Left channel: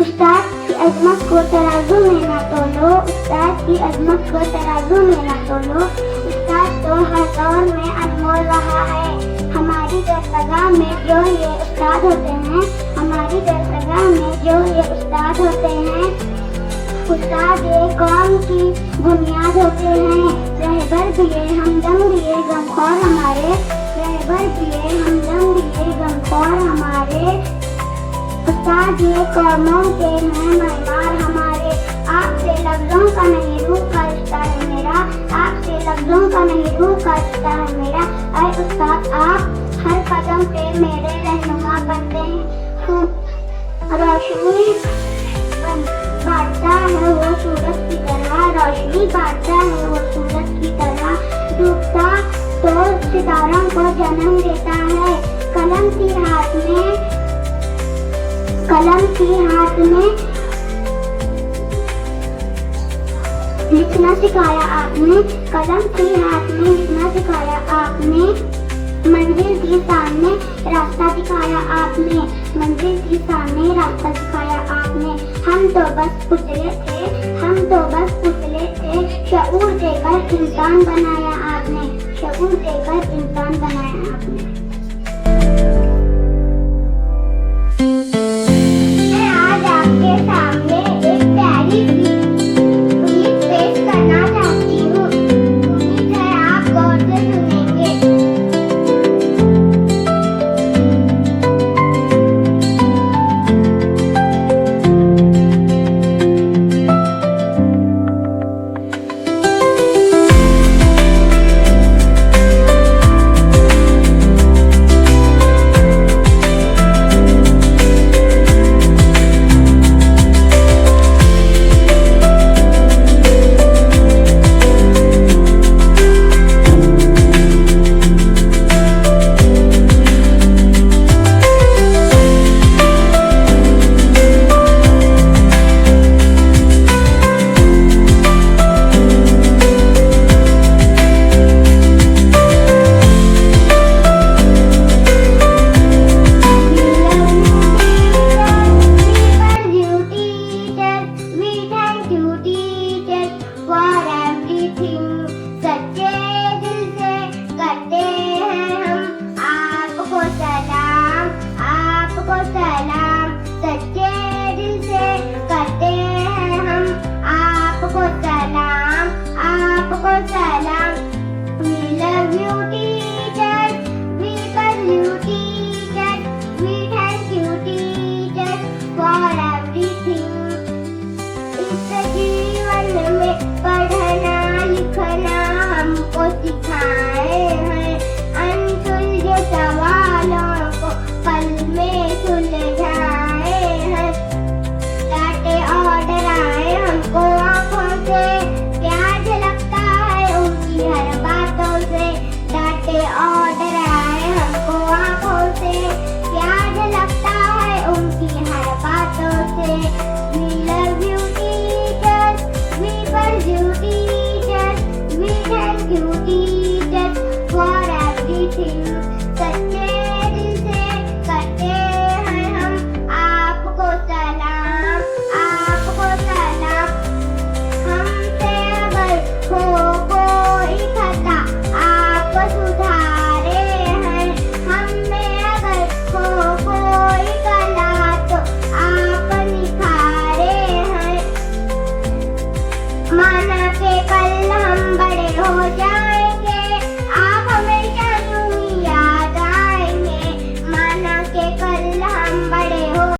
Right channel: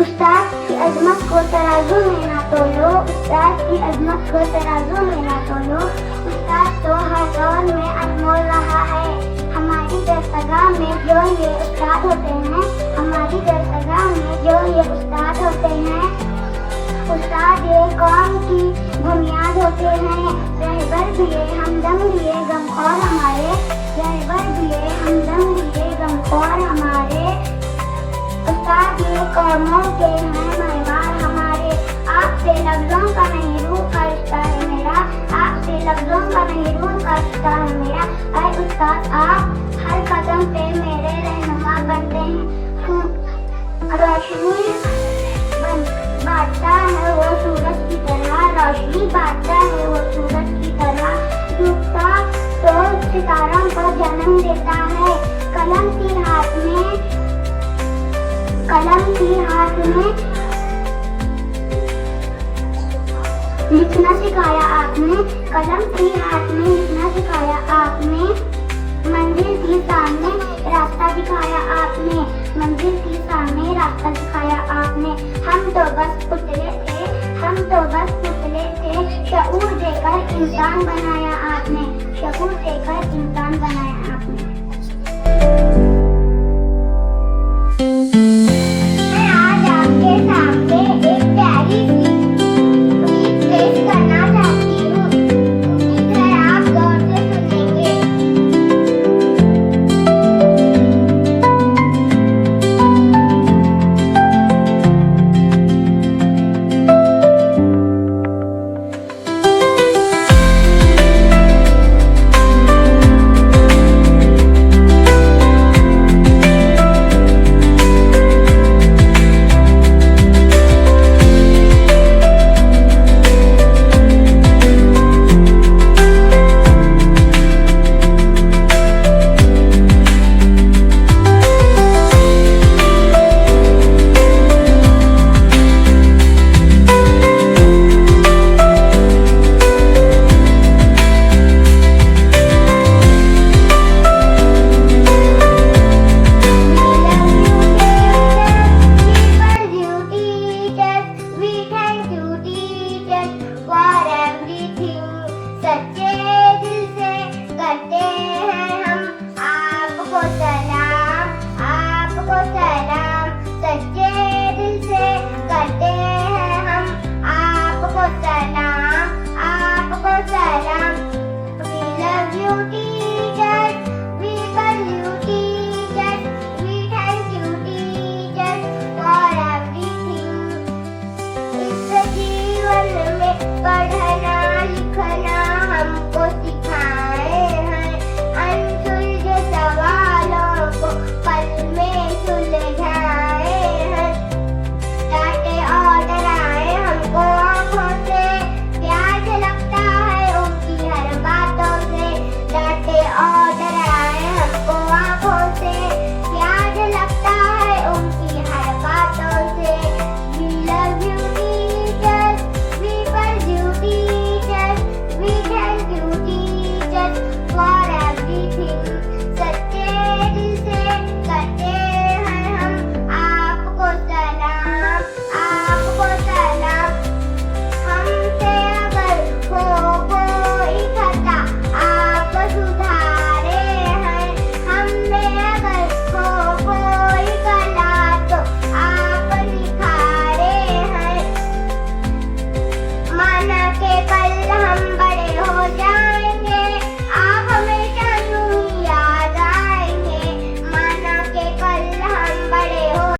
उस्ताद की अजमत को तराजू में ना तोलो, उस्ताद की अजमत को तराजू में ना तोलो। उस्ताद तो हर दौर में अनमोल रहा है, हमारी दरगाह में जो ये उस्ताद होते हैं, हमारी दरगाह में जो ये उस्ताद होते हैं, उस्ताद ये कौम की बुनियाद होते हैं। रहबर भी ये हमदम भी ये गमखोर हमारे, रहबर भी ये हमदम भी ये गमखोर हमारे। उस्ताद ये कौमों के हैं मेहमान हमारे, आपसे लफ्जों का नहीं रूह का रिश्ता है मेरा, आपसे लफ्जों का नहीं रूह का रिश्ता है मेरा। ऐ उस्ताद आप हर कदम पे मेरे रहनुमा बनते हैं। रोशनी बांटता है वो सूरज की तरह, रोशनी बांटता है वो सूरज की तरह। डूबता तो सितारों को जन्म देता है। कलम की हाथ में लिखना सिखाया आपने, कलम की हाथ में लिखना सिखाया आपने। मंजिल की सामने रास्ता दिखाया आपने, मंजिल की सामने रास्ता दिखाया आपने। हम तो बस उतरे थे, हम तो बस उतरे थे, शऊर देकर इंसान बनाया आपने, शऊर देकर इंसान